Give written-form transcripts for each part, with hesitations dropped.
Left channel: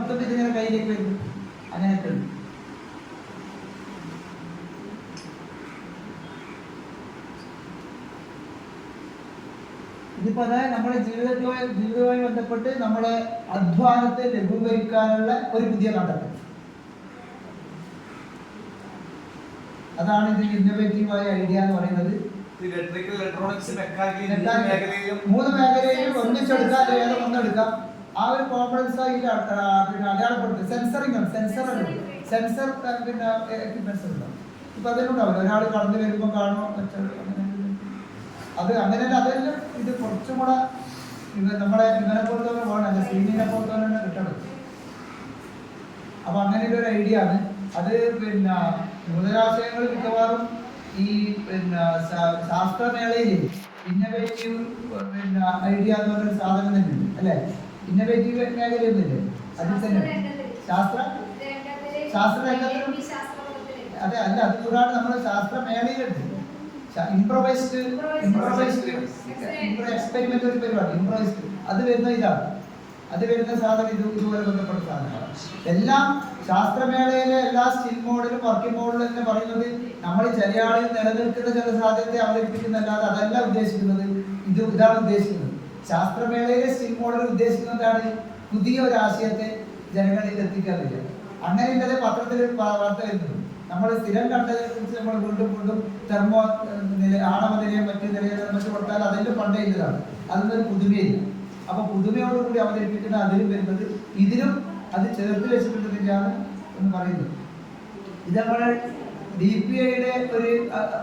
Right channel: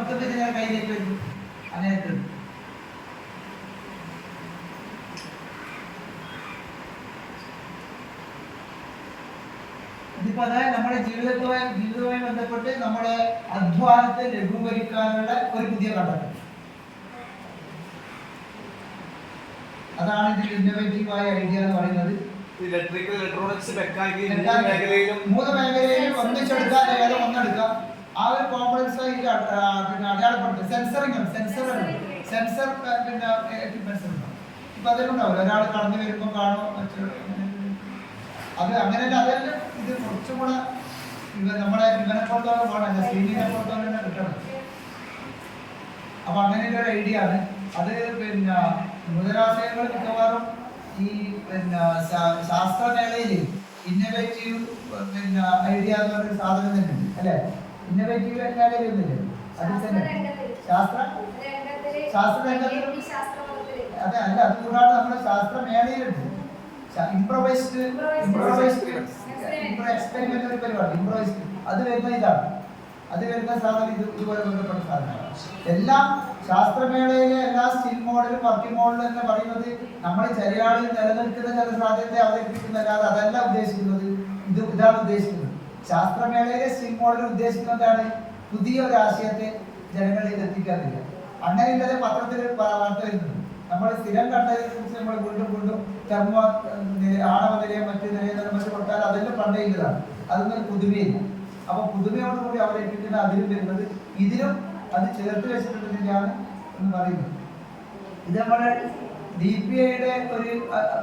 ഇതിങ്ങനെ കയ്യിലേക്ക് വരും, അങ്ങനെയൊക്കെ ഉണ്ട്. ഇതിപ്പോ അതായത് നമ്മുടെ ജീവിതവുമായി ബന്ധപ്പെട്ട് നമ്മുടെ അധ്വാനത്തെ ലഘൂകരിക്കാനുള്ള ഒരു പുതിയ കണ്ടെത്തൽ. അതാണ് ഇതിൽ ഇന്നോവേറ്റീവായ ഐഡിയ എന്ന് പറയുന്നത്. മൂന്ന് മേഖലയിലും ഒന്നിച്ചെടുക്കാം, ഏതോ ഒന്നെടുക്കാം. ആ ഒരു കോംപ്ലക്സ് പിന്നെ അടയാളപ്പെടുത്തും. സെൻസർ പിന്നെ എക്യുപ്മെന്റ്സ് ഉണ്ടാവും. ഇപ്പൊ അതിനുണ്ടാവില്ല, ഒരാൾ കടന്നു വരുമ്പോൾ കാണും, അത് അങ്ങനെയല്ല. അതെല്ലാം ഇത് കുറച്ചും കൂടെ നമ്മളെ ഇവനെ പുറത്തോടെ പോകണം, അല്ലെ സ്ക്രീനിനെ പുറത്തോടെ തന്നെ കിട്ടണം. അപ്പൊ അങ്ങനെയുള്ള ഒരു ഐഡിയ ആണ് അത്. പിന്നെ നൂതനാശയങ്ങൾ മിക്കവാറും ഈ പിന്നെ ശാസ്ത്രമേളയില് ഇന്നോവേറ്റീവ് പിന്നെ ഐഡിയ എന്ന് പറഞ്ഞൊരു സാധനം തന്നെയുണ്ട്, അല്ലെ? ഇന്നോവേറ്റീവ് മേഖലയൊന്നുമില്ലേ അതിൽ തന്നെ ശാസ്ത്രരംഗത്തിലും? അതെ, അല്ല, അത് കൂടാതെ നമ്മുടെ ശാസ്ത്രമേളയിലുണ്ട് ഇംപ്രവൈസ്ഡ് എക്സ്പെരിമെന്റ് ഒരു പരിപാടി. ഇംപ്രവൈസ്ഡ് അത് വരുന്ന ഇതാണ്, അത് വരുന്ന സാധനം ഇതുപോലെ ബന്ധപ്പെട്ട സാധനം. എല്ലാം ശാസ്ത്രമേളയിലെ എല്ലാ സ്റ്റിൽ മോഡലും വർക്കിംഗ് മോഡലും തന്നെ പറയുന്നത് നമ്മൾ ചില ആളിൽ നിലനിൽക്കുന്ന ചില സാധ്യതയെ അവതരിപ്പിക്കുന്നതല്ലാതെ അതല്ല ഉദ്ദേശിക്കുന്നത്. ഇതാണ് ഉദ്ദേശിക്കുന്നത്. ശാസ്ത്രമേളയിലെ സ്റ്റിൽ മോഡൽ ഉദ്ദേശിക്കുന്നതാണ് പുതിയ ഒരു ആശയത്തെ ജനങ്ങളിൽ എത്തിക്കാറില്ല. അങ്ങനെയുള്ളത് പത്രത്തിൽ വാർത്ത വരുന്നത്. നമ്മൾ സ്ഥിരം കണ്ടതിനെ കുറിച്ച് നമ്മൾ വീണ്ടും തെർമോ ആണവ നിലയം മറ്റു നിലയം മറ്റു കൊടുത്താൽ അതെല്ലാം പണ്ടേതാണ്. അതൊന്നും പുതുമയില്ല. അപ്പൊ പുതുമയോടുകൂടി അവതരിപ്പിക്കുന്ന അതിലും വരുന്നത് ഇതിലും അത് ചേർത്ത് വെച്ചിട്ടുള്ളതിൻ്റെയാണ് എന്ന് പറയുന്നത്. ഇത് നമ്മുടെ DPIയുടെ ഒരു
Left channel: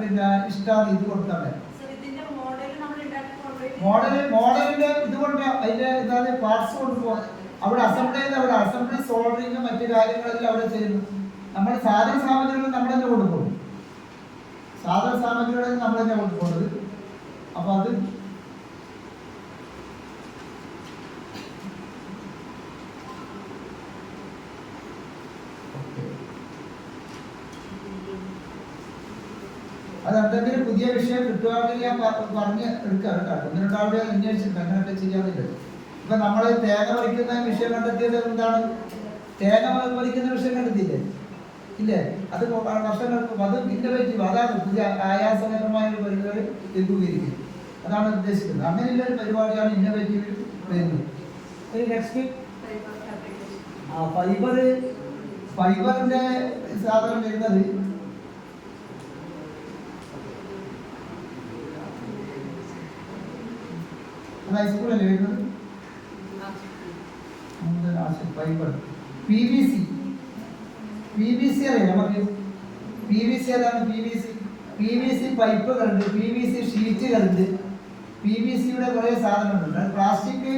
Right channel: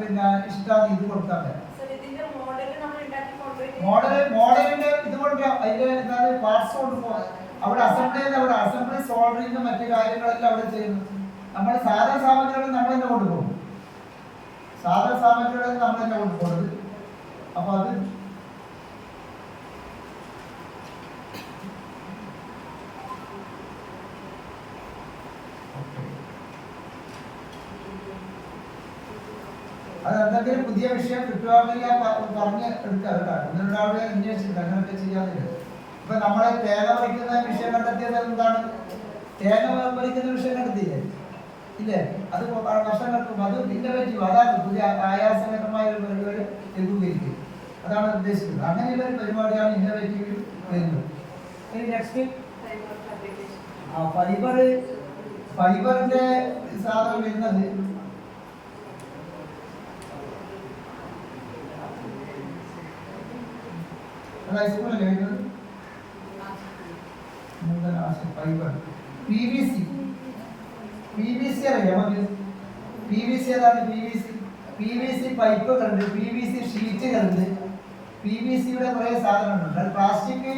പിന്നെ ഇഷ്ടമാണ് ഇത് കൊടുക്കാൻ. മോഡലിന്റെ ഇത് കൊണ്ടുപോകാം, അതിന്റെ എന്താണ് പാർട്സ് കൊണ്ടുപോകാം. അവിടെ അസംബ്ലി സോൾഡറിങ് മറ്റു കാര്യങ്ങളെല്ലാം അവിടെ ചെയ്യുന്നു. നമ്മുടെ സാധന സാമഗ്രികൾ നമ്മൾ തന്നെ കൊണ്ടുപോകും. അപ്പൊ അത് അതെന്തെങ്കിലും പുതിയ വിഷയം കിട്ടുകയാണെങ്കിൽ ഞാൻ പറഞ്ഞ് എടുക്കാം കേട്ടോ. ഒന്ന് രണ്ടാളുടെ അന്വേഷിച്ചിട്ടുണ്ട് അങ്ങനെയൊക്കെ ചെയ്യാതില്ല. ഇപ്പൊ നമ്മളെ തേങ്ങ പറിക്കുന്ന വിഷയം കണ്ടെത്തിയത് എന്താണ്? തേങ്ങ പറിക്കുന്ന വിഷയം കണ്ടെത്തിയില്ലേ? ഇല്ലേ? അത് വർഷങ്ങൾക്കും അത് ഇന്നോവേറ്റീവ്. അതാണ് പുതിയ ആയാസകരമായ ഒരു പരിപാടി ലഘൂകരിക്കും. അതാണ് ഉദ്ദേശിക്കുന്നത്. അങ്ങനെയുള്ള ഒരു പരിപാടിയാണ് ഇന്നോവേറ്റീവ് വരുന്നത്. നെക്സ്റ്റ് ഫൈബറിന്റെ സാധനം വരുന്നത് ഹൈസ്കൂളിൽ വരുന്നത് ഫൈബർ. PVC അറിയാം നമുക്ക്. PVC ഏതാണ്? PVC പൈപ്പുകളുണ്ട്, PVC ഷീറ്റുകളുണ്ട്, PVCയുടെ കുറെ സാധനങ്ങളുണ്ട്. പ്ലാസ്റ്റിക്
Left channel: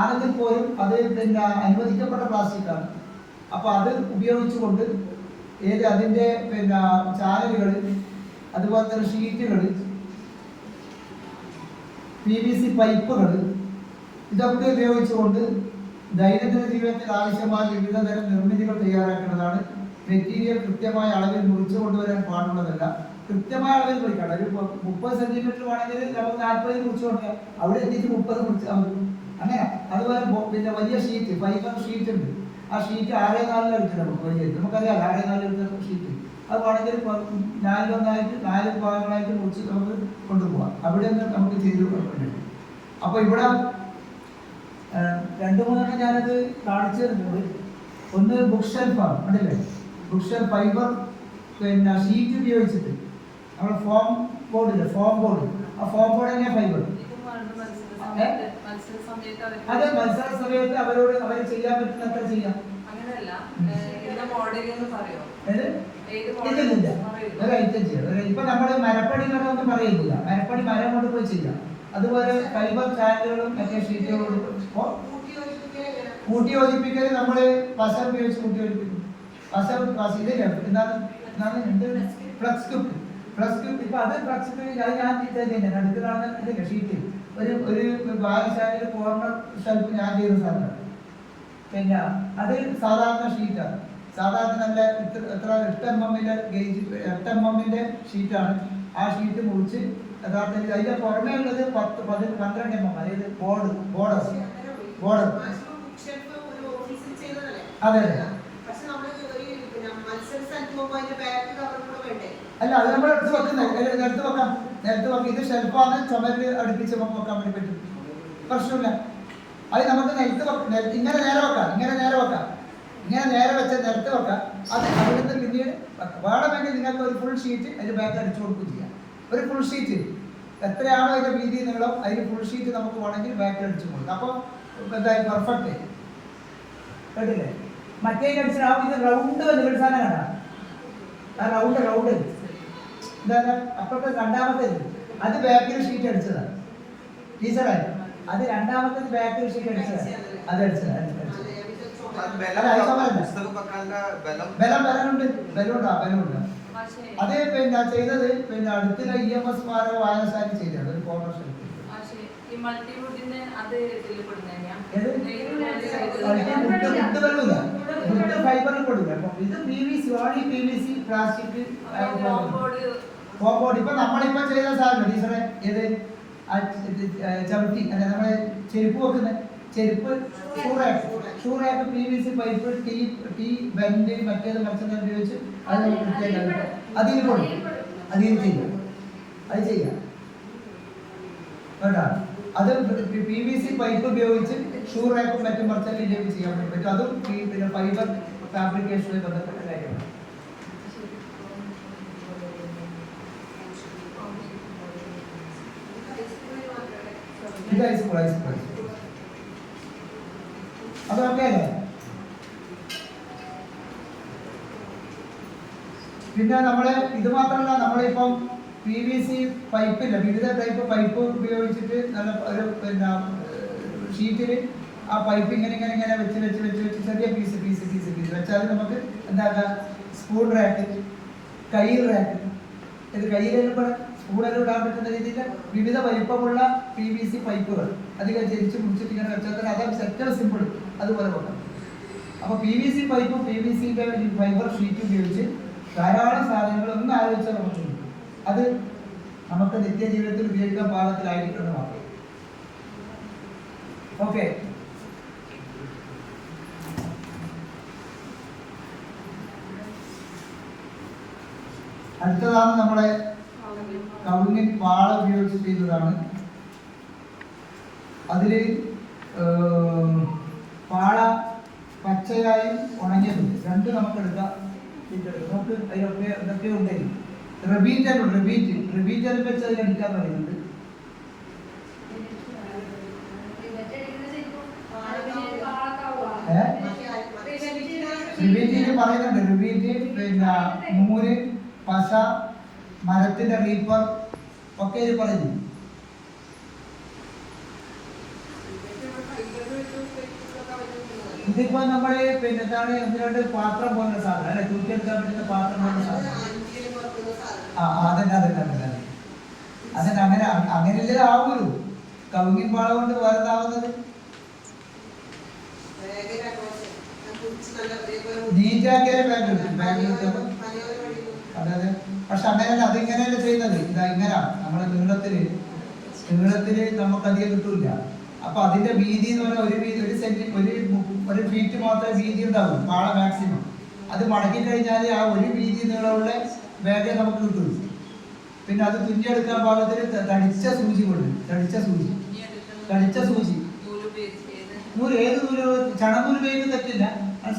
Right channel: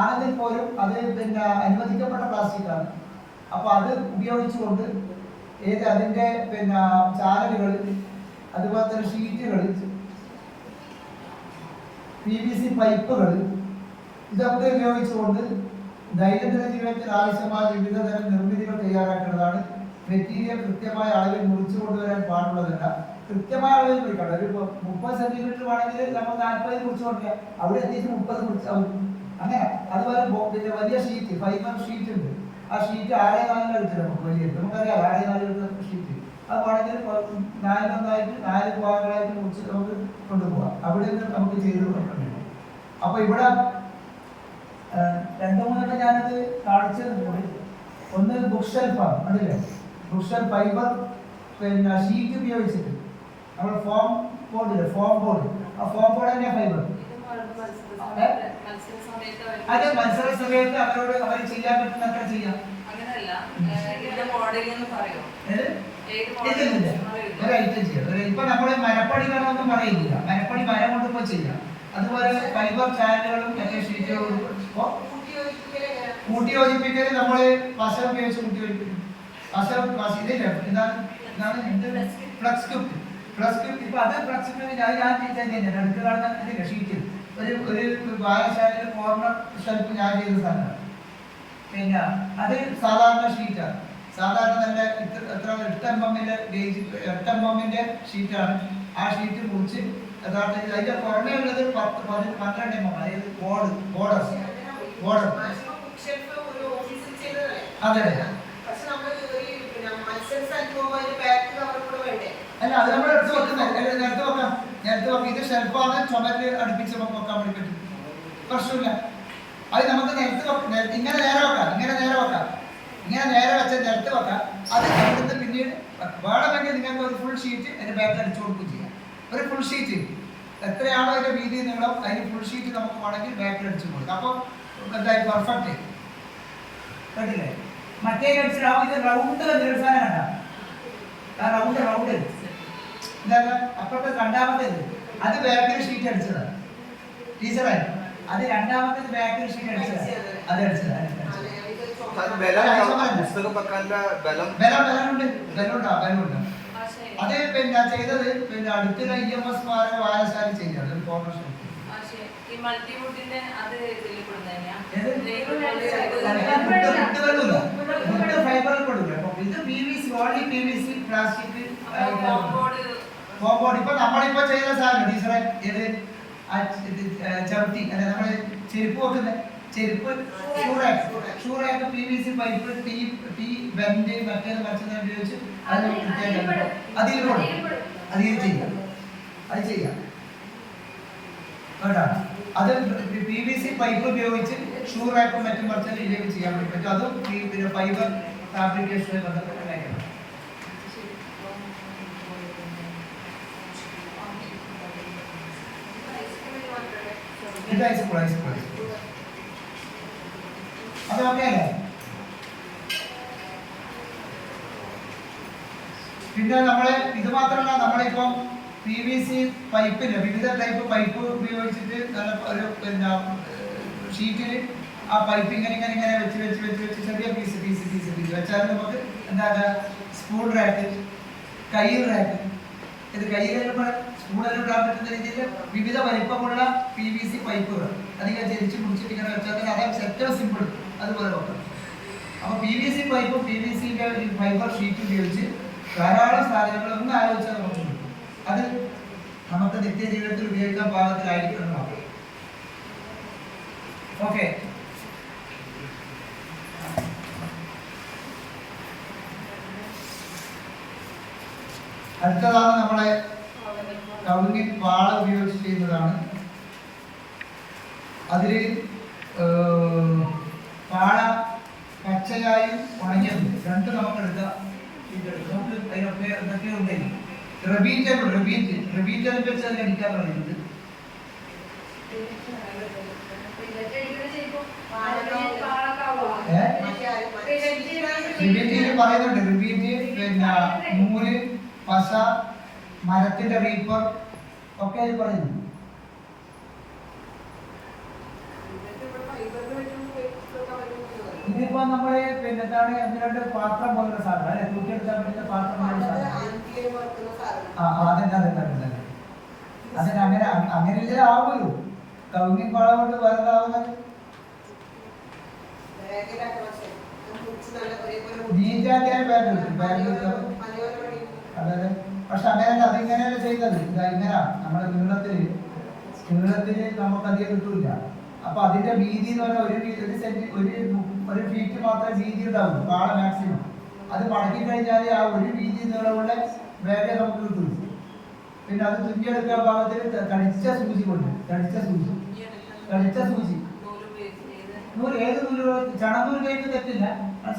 ആണെങ്കിൽ പോലും അത് പിന്നെ അനുവദിക്കപ്പെട്ട പ്ലാസ്റ്റിക് ആണ്. അപ്പൊ അത് ഉപയോഗിച്ചുകൊണ്ട് അതിന്റെ പിന്നെ ചാനലുകൾ, അതുപോലെ തന്നെ ഷീറ്റുകൾ, PVC പൈപ്പുകൾ, ഇതൊക്കെ ഉപയോഗിച്ചുകൊണ്ട് ദൈനംദിന ജീവിതത്തിൽ ആവശ്യമായ വിവിധ തരം നിർമ്മിതികൾ തയ്യാറാക്കുന്നതാണ്. മെറ്റീരിയൽ കൃത്യമായ അളവിൽ മുറിച്ചു കൊണ്ടുവരാൻ പാടുള്ളതല്ല. കൃത്യമായ അളവിൽ മുറിക്കണം. ഒരു 30 സെന്റിമീറ്റർ വേണമെങ്കിൽ നമുക്ക് 40 മുറിച്ചു കൊടുക്കാം. അവിടെ എത്തിയിട്ട് 30 മുറിച്ചാൽ അങ്ങനെ. അതുപോലെ പിന്നെ വലിയ ഷീറ്റ്, ഫൈബർ ഷീറ്റ് ഉണ്ട്. ആ ഷീറ്റ് 6x4 എടുത്തില്ല നമുക്ക്. വലിയ നമുക്കറിയാം 6x4 എടുത്ത ഷീറ്റ്. അത് വേണമെങ്കിൽ 4 ഭാഗങ്ങളായിട്ട് മുറിച്ച് നമുക്ക് കൊണ്ടുപോകാം. അവിടെ നിന്ന് നമുക്ക് ചെയ്ത് കൊടുക്കുന്നുണ്ട്. അപ്പൊ ഇവിടെ 2-3 ഞാനത് കാണിച്ചു തരുന്നുണ്ട്. ഒന്ന് ബുക്ക് ഷെൽഫാണ്, കണ്ടില്ലേ? ബുക്ക് ഷെൽഫ് ഫൈബർ പിന്നെ ഷീറ്റ് ഉപയോഗിച്ചിട്ട് നമ്മൾ ഫോം ബോർഡ്, ആ ഫോം ബോർഡ് തന്നെ ഫൈബർ. അതെ, മത്സര സമയത്ത് അവർ ചെയ്യാൻ പറ്റുന്നത്ര ചെയ്യാം. ഒരു ഐറ്റം ചെയ്യാം. ഇപ്പൊ നമ്മള് മരപ്പണികളൊന്നും പറയില്ല. മരപ്പണി മരം കൊണ്ട് പോയി ചെയ്യാം. അതുപോലെ ഫൈബർ ചാനലുകളും മറ്റേ ഷീറ്റുകളും കൂട്ടിയോജിപ്പിക്കൽ നമ്മള് പശ ഉപയോഗിച്ച് കൂട്ടിയോജിപ്പിക്കും. ഇതില്ല, ഫ്ലക്സ് ക്യൂബ്. ഇപ്പൊ അത് ഫ്ലക്സ് ക്യൂബ് ഞാൻ തന്നെയാണ് അടുത്ത് കാണുന്ന ഇതില്ല ഷീറ്റ്. ഒരു വായനശാലയിൽ കോർണർ ഷെൽഫ് ഞാൻ ചെയ്ത സാധനം. പിന്നെ അത് സാധാരണ ഷീറ്റാണ്. സാധാരണ നല്ല എത്ര 8 mm ഷീറ്റാണ്. ആ ഷീറ്റ് മുറിച്ച് യഥാർത്ഥത്തിൽ അതിന്റെ പുറമേ ഉള്ളത് 10-12 mm. അതായത് ബോർഡർ അതെ അല്ല അത് നമ്മൾ എടുത്ത് വെക്കുന്നത് നേരത്തെ വെക്കാം. ഇത് ഷെൽഫാണ്, ചുമര് അടുപ്പിച്ച് നമുക്ക് വെക്കാൻ വേണ്ടി പറ്റും, പ്രശ്നമില്ല. അത് നമുക്ക് ഇങ്ങനെ നേരെ വെക്കാം, ഇങ്ങനെ നേരെ വെച്ച് നിലത്ത് വെക്കാം. അത് അവിടുന്ന് പിന്നീട് വേണമെങ്കിൽ നിങ്ങൾക്ക് ഒരു ഫുൾ ഷീറ്റ് അതിന്റെ ബാക്ക് അടിച്ചു കൊടുക്കുകയും ചെയ്യാം. ഒരു ഫുൾ ഷീറ്റ് എത്രയാണോ അതിന്റെ വീതി നീളം, അതിന് ഫുൾ ഷീറ്റ് നമുക്ക് വേണമെങ്കിൽ ബാക്കിൽ അടിച്ചു കൊടുക്കാം. അപ്പോൾ എന്തായി പെർഫെക്റ്റ് കേട്ടില്ലേ? മറ്റേ അടിച്ചിട്ടാവും ഇത് റൗണ്ട് വന്നൊരു സാധനം കണ്ട, ആ റൗണ്ട് എന്താണ് അപ്പോഴത്തെ രണ്ടാമത്തേത് അത് ബാക്കിൽ ഷീറ്റ് അടിച്ചതാണ് ടീച്ചറായി. അത് രണ്ടാമത്തേത് ബാക്കിൽ ഷീറ്റ് അടിച്ചതാണ്, അത് അടിച്ചതാണ്. ബലമുണ്ട്. അത് പിന്നെ ചെയ്തത് പിന്നെ അടുത്തുള്ള EMS സ്മാരക വായനശാല ചെയ്തത് ഒരു ഫോർമേഷൻ. ഇത് PVC only PVC plastic compound. ഇപ്പൊ നമ്മളിപ്പോ ചെയ്ത സാധനം ടീച്ചറെ ഏത് ചവിട്ടി അല്ലെ നമ്മളെ ചെരുപ്പ് വെക്കുന്ന ചെരുപ്പ് ഷൂറായിട്ട് PVC പൈപ്പ് ടീ ബെൻഡ് മറ്റേത് മറിച്ചത് ഉപയോഗിച്ച് അത് അതിൽ കൊടുക്കും. അത് ചെയ്യാം കേട്ടോ. അത് PVC പൈപ്പ് ഉപയോഗിച്ച് ഷൂറാക്കും മറ്റും മറിച്ചാൽ ഇതിലേക്ക് ചെയ്യാൻ വേണ്ടി പറ്റും. അതും പിന്നെ ഫൈബർ ഫാബ്രിക്കേഷനുമായി ബന്ധപ്പെട്ട കാര്യമാണ്. ഇത് ഹൈസ്കൂൾ അത് ഓക്കെ അല്ലേ? പിന്നെ നമ്മളെ ഇത് മാത്രമല്ല, നമ്മളിപ്പം PVC പൈപ്പില്ല, വിവിധ ടൈപ്പ് പൈപ്പ് ഉപയോഗിച്ചിട്ട് നല്ല ഒരു പിന്നെ ഷീറ്റിൽ ആ പൈപ്പ് ഇങ്ങനെ വെച്ച് ചെറിയ പീസ് വെച്ചാൽ നമുക്ക് എന്താ സ്പൂൺ റാക്ക്, കയ്യിൽ റാക്ക്, ഇത് കയ്യിൽ സ്പൂണെല്ലാം ഇടാൻ പറ്റുന്ന രീതിയിൽ വിവിധ വലിപ്പമുള്ള PVC പൈപ്പുകൾ അധികം ചരിച്ച് മുടിച്ചിട്ട് ഇങ്ങനെ വെച്ചാൽ അത് ഏറ്റവും സിമ്പിൾ അതുപോലെ വെക്കണം. അപ്പോൾ PVC പൈപ്പും PVCന്റെ ഫൈബർ ഷീറ്റ് ഉപയോഗിച്ച് ധാരാളം സാധനങ്ങൾ ഒന്ന് ആലോചിച്ചാൽ നമുക്ക് കിട്ടും. അത് നമുക്ക് നിത്യജീവിതത്തിൽ ഉപയോഗിക്കാൻ പാകത്തിലായിരിക്കണം മാത്രം. ഓക്കെ, അടുത്തതാണ് നമ്മളെ കവുങ്ങിൻ പാള ഉപയോഗിച്ച് ചെയ്യുന്നതാണ്. അതിൽ പാള പച്ചയായും ഉണങ്ങിയതുണ്ട്, രണ്ടും നമുക്ക് എടുക്കാം. നമുക്ക് അതിനൊക്കെ എന്തൊക്കെ ഉണ്ടെങ്കിൽ റബീറ്റൽ വെച്ച് അതിലടിക്കാൻ പറയുന്നുണ്ട്. റിബീറ്റിൽ പറയുന്നുണ്ട്, റിബീറ്റ് പിന്നെ നൂല്, പശ, മരത്തിന്റെ റീപ്പർ ഒക്കെ ഇത് പറയുന്നു. ഇതിപ്പോ നമ്മള് പിന്നെ എന്താണ് എന്തിനാണ്ട് പാത്രം പോലുള്ള സാധനം അല്ലെ, തൂക്കിയെടുക്കാൻ പറ്റുന്ന പാത്രം പോലുള്ള സാധനം. അതന്നെ അങ്ങനെയല്ലേ ആവുമല്ലോ. കവുങ്ങിൻ പാള കൊണ്ട് വേറെതാവുന്നത് അതായത് പക്ഷെ അങ്ങനെയല്ല, അതിങ്ങനെയല്ല ചെയ്യുന്നത്. ഇങ്ങനെ നമ്മുടെ നീളത്തില് നമുക്കധികം കിട്ടൂല. അപ്പൊ അതിന്റെ വീതി എന്ന് പറഞ്ഞാൽ ഒരു ഫീറ്റ് മാത്രമേ വീതി ഉണ്ടാവും പാള മാക്സിമം. അത് മടക്കി കഴിഞ്ഞാൽ ആ ഒരു വീതി നീളമുള്ള വേഗം നമുക്ക് കിട്ടും. പിന്നെ അത് തുന്നിയെടുക്കാൻ പാകത്തിന് തടിച്ച സൂചി നൂല്, ഏത് നൂല്, ചണനൂല് ഉപയോഗിക്കുന്ന തെറ്റില്ല.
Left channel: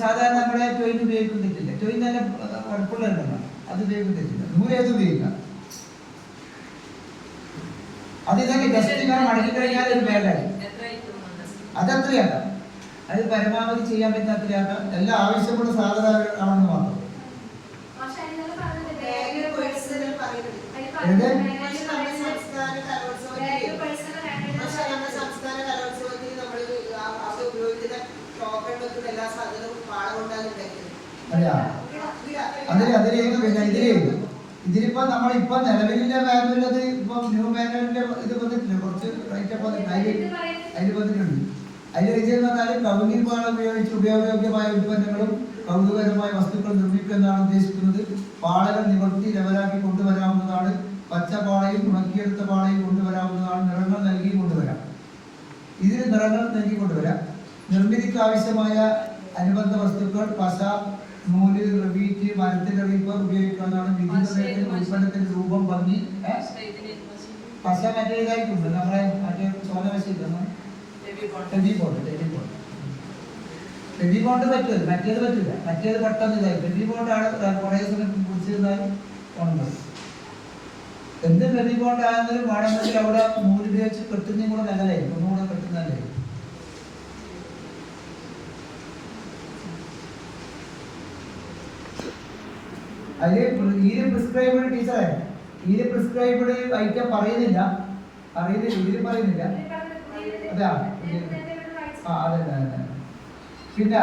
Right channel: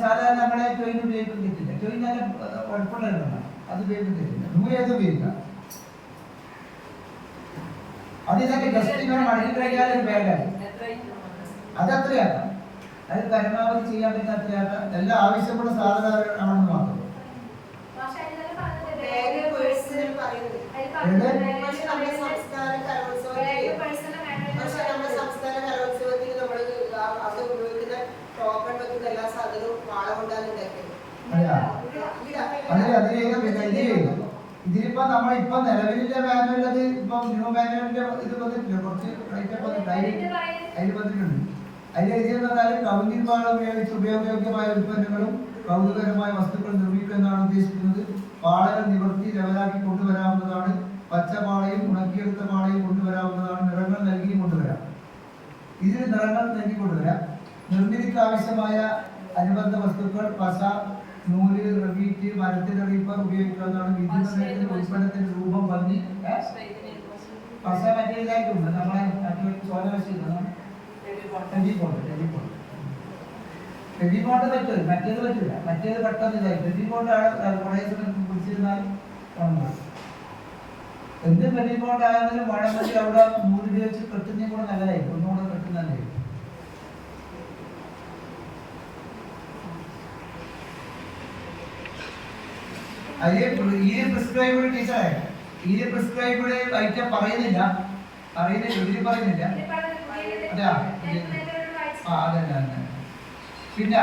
സാധാരണ നമ്മളെ ട്രെയിൻ ഉപയോഗിക്കുന്ന തെറ്റില്ല. ട്രെയിൻ തന്നെ കുഴപ്പമുള്ളതല്ല, അത് ഉപയോഗിക്കുന്ന തെറ്റില്ല. നൂല് ഏത് ഉപയോഗിക്കാം. അത് ഇതൊക്കെ ജസ്റ്റ് ഇങ്ങനെ മടക്കി കഴിഞ്ഞാൽ ഒരു ബാഗായി. അതെത്രയാക്കാം, അത് പരമാവധി ചെയ്യാൻ പറ്റുന്ന അത്രയാക്കാം. എല്ലാം ആവശ്യമുള്ള സാധനം ആണെന്ന് മാത്രം. ഇതിലിപ്പോ നമ്മളിപ്പോ നിലവിലെ മാനുവലത് ഇപ്പൊ ന്യൂ മാനുവലിന്റെ ഇത് വന്നിട്ടില്ല, കുറച്ച് അതിൽ വന്നിട്ടുണ്ട്. അതിൽ എഴുതിയെന്ന് പറഞ്ഞാൽ കവുങ്ങിൻ പാള ഉപയോഗിച്ച് ഉപയോഗയോഗ്യമായ ഉൽപ്പന്നങ്ങളും കൗതുകരമായ വസ്തുക്കൾ നിർമ്മിക്കുക എന്നാണ് ഉദ്ദേശിക്കുന്നത്. പാളകൾ നിവർത്തി ലെവലാക്കി കൊണ്ടുവരാവുന്നതാണ്. പച്ച പാളയും ഉണക്കിയെടുത്ത പാളയും കൊണ്ടുവരാവുന്നതാണ്. നിറങ്ങൾ നൽകി കൊണ്ടുവരാം. ഇതിന് നിറങ്ങൾ നൽകി കൊണ്ടുവരാം. നിർമ്മിതിക്ക് ആവശ്യമായ അനുബന്ധ വസ്തുക്കൾ, പശ, നൂല്, റവീറ്റ്, മരത്തിന്റെ റീപ്പർ ഉപയോഗിക്കുന്നതാണ്. വിദ്യുത് ഉൽപ്പന്നത്തിന്റെ രൂപം, ഭംഗി. പശ മറ്റേ ഇതായിട്ടുണ്ട്, നമ്മളെ മറ്റേ ചോല പശ ടെലിഫോണ്ട് പറ്റും, മറ്റേത് പറ്റില്ല. മറ്റേത് പെട്ടെന്ന് ഇതായി. ടെലിഫോണ്ടാണ് കുറേ സമയം പിടിച്ചിരുന്നാൽ ഉണങ്ങുന്നത്. എന്ത് ടെലിഫോണ്ട് ആയെങ്കിലും വേണമെങ്കിൽ അവിടെ നൂലുപയോഗിച്ച് കെട്ടുന്നതും കൂടെ നല്ലതായിരിക്കും, ഒന്നുകൂടെ കെട്ടുന്നതായിരിക്കും. അതിൽ പ്രിസ്ക്രൈബ്ഡ് ടീച്ചറെ, ഇതിൽ പ്രിസ്ക്രൈബ്ഡ് ഐറ്റം പറയുന്നില്ല, ഇതിൽ പറയുന്നില്ല. അതാ അതല്ല. പിന്നെ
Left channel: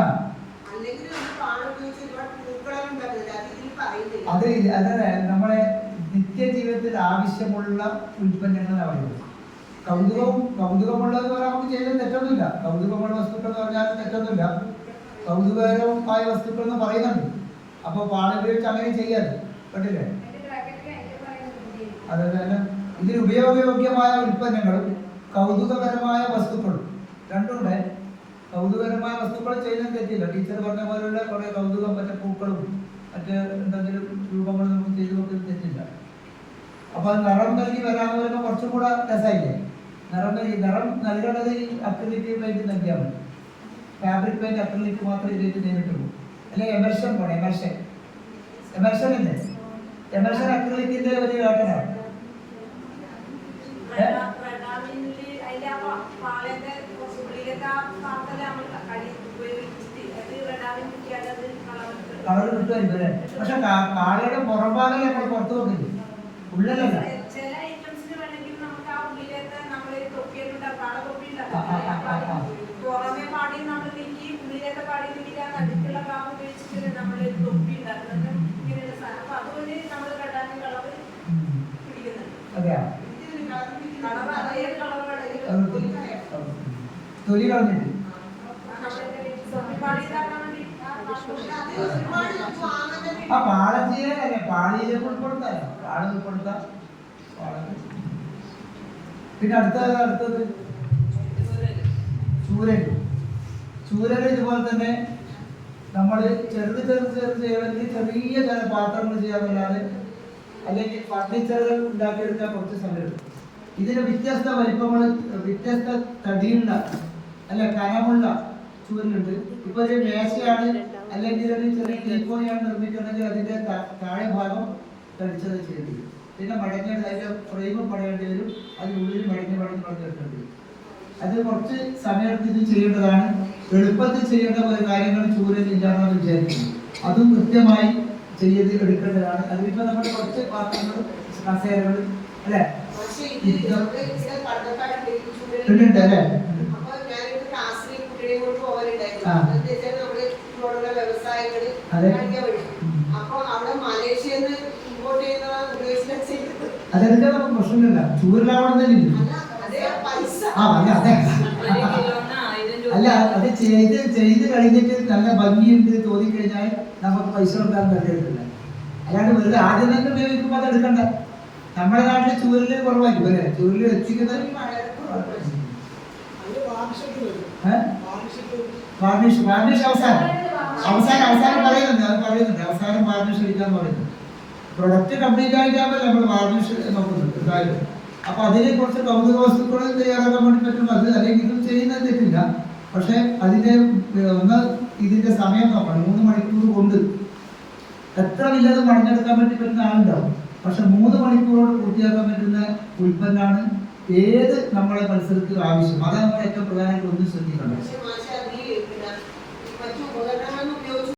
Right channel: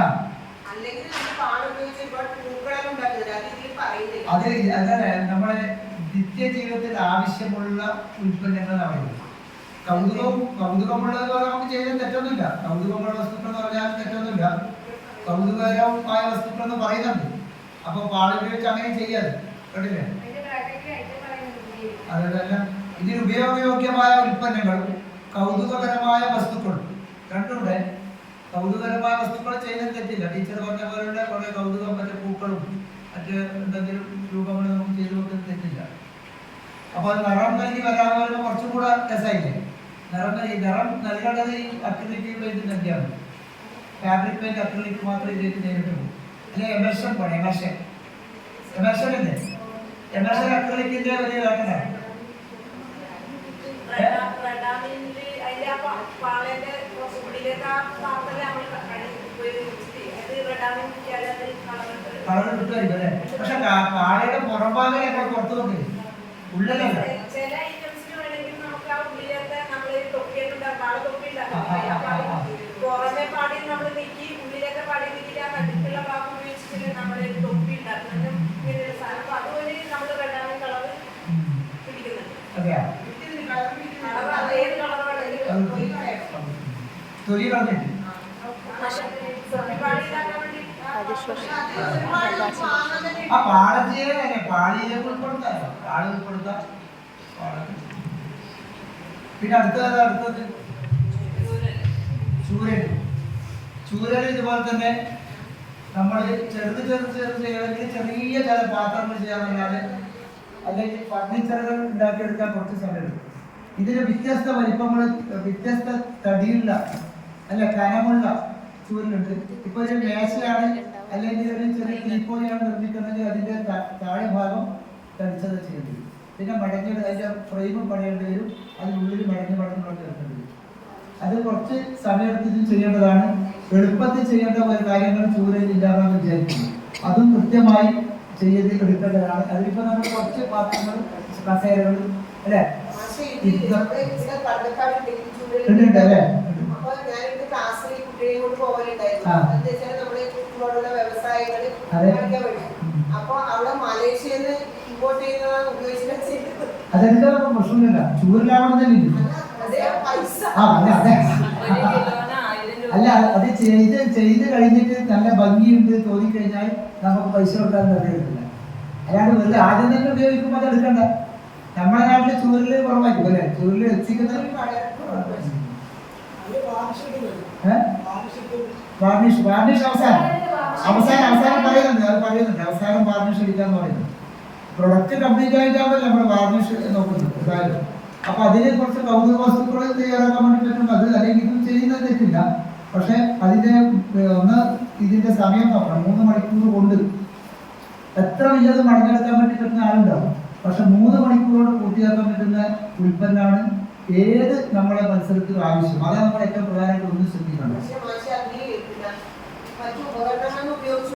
അതിൽ അതല്ല, നമ്മളെ നിത്യജീവിതത്തിൽ ആവശ്യമുള്ള ഉൽപ്പന്നങ്ങൾ പറയുന്നത്. കൗതുകമുള്ളത് നമുക്ക് ചെയ്യാൻ തെറ്റൊന്നുമില്ല. കൗതുകമുള്ള വസ്തുക്കൾ എന്ന് പറഞ്ഞാൽ തെറ്റൊന്നുമില്ല. കൗതുകകരമായ വസ്തുക്കൾ എന്ന് പറയുന്നുണ്ട്. അപ്പൊ പാടുപയോഗിച്ച് അങ്ങനെ ചെയ്യാതെ കേട്ടില്ലേ? അതല്ല, ഇതിന് ഉപയോഗയോഗ്യമായ ഉൽപ്പന്നങ്ങളും കൗതുകകരമായ വസ്തുക്കളും രണ്ടുകൂടെ. കൗതുകകരമായ വസ്തുക്കൾ ചെയ്യുന്നത് തെറ്റില്ല. ടീച്ചർ പറഞ്ഞ പോലുള്ള കുറെ കൗതുകം, മറ്റേ പൂക്കളും മറ്റേ എന്തെങ്കിലും രൂപങ്ങൾ നമുക്ക് ചെയ്തു കൊടുക്കുന്നത് തെറ്റില്ല. അപ്പൊ അത് നിറം നൽകി വരാമെന്ന് പറയുമ്പോൾ കുറച്ചും കൂടെ രസമായില്ലേ? നിറം നൽകേണ്ടത് ഈ അക്രിലിക് പെയിന്റ് നൽകിയാണ്. ഫാബ്രിക് പെയിന്റ് അക്രിലിക് മാത്രമേ ഇതിലേക്ക് നേരിട്ട് പോകും. അല്ലെങ്കിൽ എമർഷൻ പണി, എമർഷൻ അല്ലേ? എമർഷൻ അക്രിലിക്കിന്റെ ഒരു ഘട്ടമാണ്. കളർ കിട്ടുമായിരിക്കും അല്ലേ? പക്ഷെ കാളയുടെ പുറംഭാഗം നമ്മൾ പുറത്തു കൊണ്ടിരിക്കും, ഉള്ളിലല്ല. തൊലി കളഞ്ഞിട്ട് ആ പാളച്ചീര തന്നെ പാളിയിലേക്ക് ഉൾപ്പെടുത്താം. പാള ഉൾപ്പെടുത്താം. പിന്നെ അടുത്തത് ചൂരൽ ഇതുപോലെ തന്നെ നമ്മൾ ചെറുത് ചെയ്യണമെങ്കിൽ ചെറിയ ചില പാത്രങ്ങൾ ചെയ്യാനല്ലാതെ അല്ലെങ്കിൽ ഫർണിച്ചറുകൾ ഉണ്ടാക്കിയെടുക്കാൻ കുറച്ച് സമയം. ഇതിന് വ്യത്യസ്ത വലിപ്പങ്ങൾ, വ്യത്യസ്ത തടിയുള്ള അല്ല കനമുള്ള ചൂരലുണ്ട്. ഇപ്പൊ ഒരു മേശയാണ് അല്ലെങ്കിൽ ഒരു ചെറിയ തീക്കോയാണ് നിർമ്മിക്കുന്നെങ്കിൽ അതിന്റെ താഴെ ഭാഗം കടിച്ചത് ചെയ്യേണ്ടി വരും. പിന്നെ മടങ്ങി അതിന്റെ ഫ്രെയിമും പടയേണ്ടി വരും. അതിനുള്ളിൽ മടങ്ങി വെക്കേണ്ടി വരും. അത് കുറച്ച് സമയത്തിന് ചെയ്യേണ്ടതാണ്. എളുപ്പത്തിൽ ചെയ്യേണ്ട ഒരു കാര്യങ്ങൾ ചൂരലില്ലാതെന്ന് വിചാരിക്കുന്നു. അതും കൃത്യമായി എടുക്കേണ്ടതാണ്. അതിലിപ്പോ നമ്മൾ കുറച്ച് പാത്രങ്ങൾ, കസേരകൾ അല്ലേ ഉണ്ട് അല്ലേ? അതെടുക്കാൻ പ്രശ്നമില്ല. ചൂരലാവണമെന്നില്ല. അല്ല, അത് ചെയ്ത് കഴിഞ്ഞിട്ട് നല്ല ഭംഗിയുണ്ട് തോന്നിക്കഴിഞ്ഞാൽ നമുക്ക് പൈസ കൊടുക്കാൻ കഴിയില്ല. അല്ലാണ്ട് വെറുതെ ആദ്യം തന്നെ ഉപയോഗിക്കുമ്പോൾ അത് എടുക്കണ്ട. നമ്മുടെ നാട്ടിലെ ചൂരല് കുറവായിരിക്കും അല്ലേ? ചൂരല് വെച്ചിരിക്കുന്നത് വാർണിഷ് അവസാനം പറയുന്നുണ്ട്. അവസാനം വാർണിഷ് അടിക്കാന്ന് പറയുന്നത്. പ്രൊഡക്റ്റ് കംപ്ലീറ്റ് ആയിട്ടാകുമ്പോൾ നമ്മൾ വാർണിഷ് നോക്കുന്നുണ്ട് എന്തായാലും. അപ്പൊ അതിനെ കുറച്ച് കൗതുക വസ്തുക്കൾ തയ്യാറാക്കാൻ വേണ്ടി പറ്റും. അത് അല്ലെങ്കിൽ ഇതും ചെയ്യുന്നത് തെറ്റില്ല. പക്ഷെ അതിന്റെ ഇതിന്റെ സമയം നോക്കണം. 3 മണിക്കൂർ കൊണ്ട് എത്ര വല്ലതും മടങ്ങെടുക്കാൻ വേണ്ടി പറ്റുന്ന ആളുണ്ടാവും. പക്ഷെ 3 മണിക്കൂർ കൊണ്ട് പൂർത്തിയാക്കാൻ പറ്റുന്ന ഉൽപ്പന്നമാണ് ഏത് നമ്മുടെ മത്സരത്തിലും ആവശ്യം. അതാണ് നമ്മൾ ഏറ്റവും പ്രധാനമായിട്ട് ഒന്ന് ശ്രദ്ധിക്കണം.